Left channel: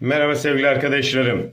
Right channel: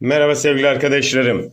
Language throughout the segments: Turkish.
Merhaba sevgili arkadaşlarım.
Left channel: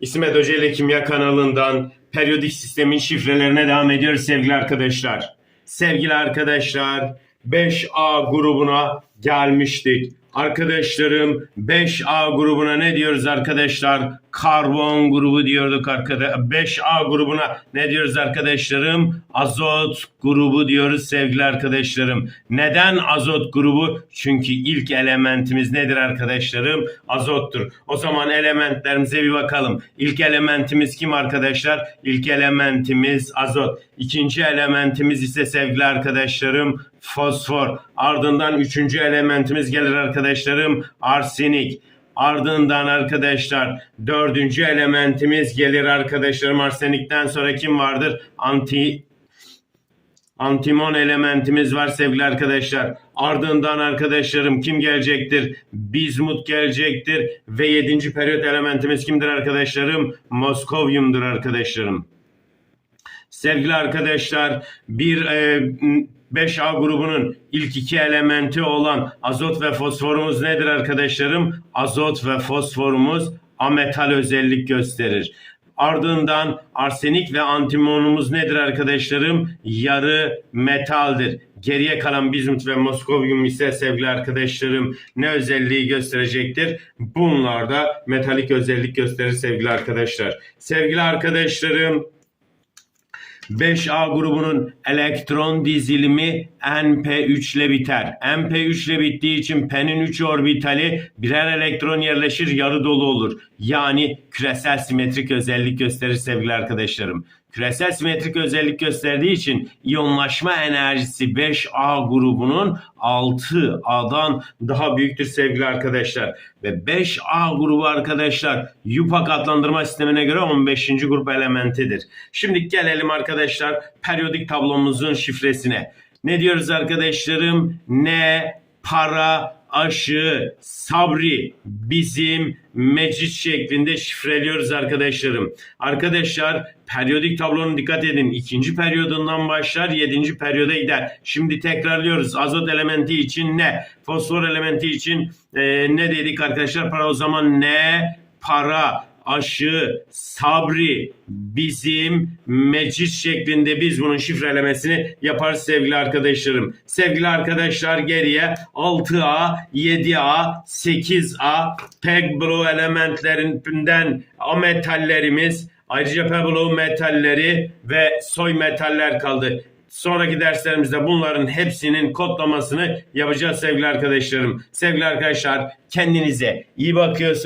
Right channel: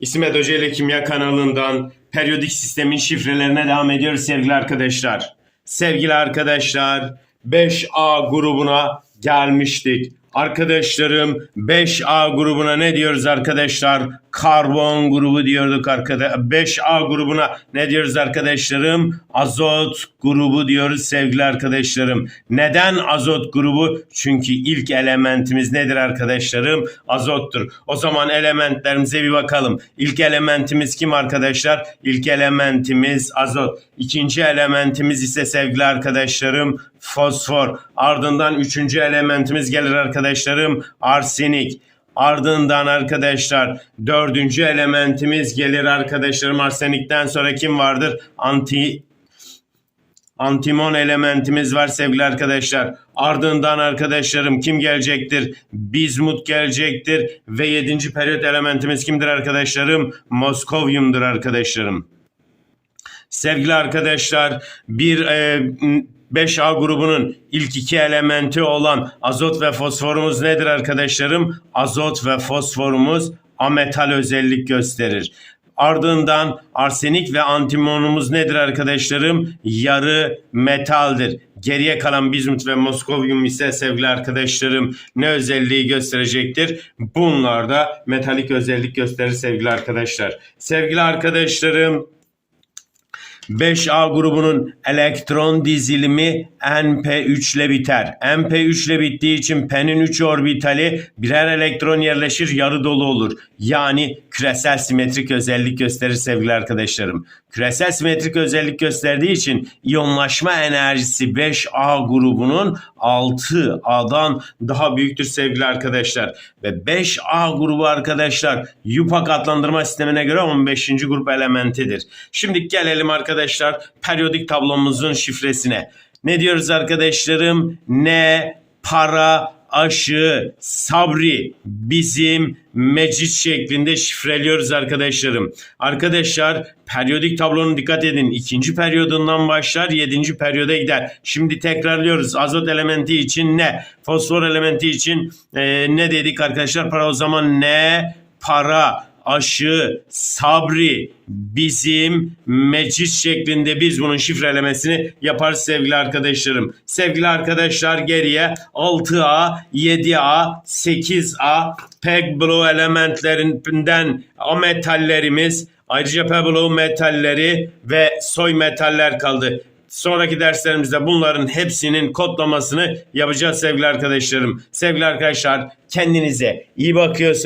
İsmet Hoca ile Kimya kanalından periyodik sistemin şifrelerine devam ediyoruz sevgili arkadaşlar. Sevgili arkadaşlar 5A grubuna gelmiştik. Arkadaşlarım 5A grubuna ne diyoruz arkadaşlar? Karbon grubu diyorduk arkadaşlar. 5A grubuna ne diyoruz arkadaşlarım? Azot grubu diyoruz sevgili arkadaşlarım. Neden azot grubu? Çünkü ilk elementimiz nedir arkadaşlarım? Azottur. O zaman elementlerimize bir bakalım. İlk elementimiz kim arkadaşlar? İlk elementimiz azot. İkinci elementimiz ise sevgili arkadaşlarım fosfor. Ardından üçüncü elementimiz gelir arkadaşlarım arsenik. Ardından arkadaşlar dördüncü elementimiz gelir arkadaşlarım arsenikten sonra kim vardır? Anti Antimon elementimiz var sevgili arkadaşlar. Ardından arkadaşlarım kim gelecektir? Bizmut gelecektir. Ve yedinci periyot elementimiz kimdir arkadaşlarım? Moskovyumdur arkadaşlarım. Sevgili arkadaşlar bir e, 5A grubunun ilk iki elementi olan azot ve fosforumuz nedir arkadaşlarım? Azot ve fosforumuz ametal özellik gösterir. Ardından arsenik ve antimonumuz nedir arkadaşlarım? Yarı metaldir. Geriye kalan bizmut ve moskovyum ise sevgili arkadaşlarım ne özelliği gösterecektir? Bunlar da metalik özellik gösterir sevgili arkadaşlar. Sevgili arkadaşlarım 5A grubunun elektron dizilimi NP3 ile biter. NP3 ile bittiği için P'nin 3 orbitali birer elektron yerleşir yarı dolu olur. Yani küresel simetrik özellik gösterir sevgili arkadaşlarım. Küresel simetrik özellik gösterdiği için iyonlaşma enerjisi 5A grubunun 6A'dan daha büyüktür sevgili arkadaşlar. Ve 5A grubu arkadaşlar YUPAC adlandırma sistemine göre 15. grup elementidir. Şimdi gelelim arkadaşlar periyodik tablomuzun şifresine. Ne diyoruz arkadaşlarım? Ne, para, aşı, sabri bizim mecit şeklinde şifreliyoruz arkadaşlarım. Arkadaşlar periyodik tablonun dikkat edin. ikinci periyodundan başlar yedinci periyoda gider. Şimdi tekrarlıyoruz. Azot elementi için ne? Fosfor elementi için e, ne dedik arkadaşlar? Para o zaman ne? Para, aşı, sabri, bizim, mecit şeklinde biz bunun şifrelemesini yaparız sevgili arkadaşlarım. Sevgili arkadaşlar geriye 6A, 7A, 8A peg blow elementlerinden ametallerimiz ayrıca peg blow metalleri ve soy metaller kaldı. Sonraki derslerimizde bunların hepsinin kodlamasını yapacağız sevgili arkadaşlarım. Sevgili arkadaşlar kendinize iyi bakıyorsunuz.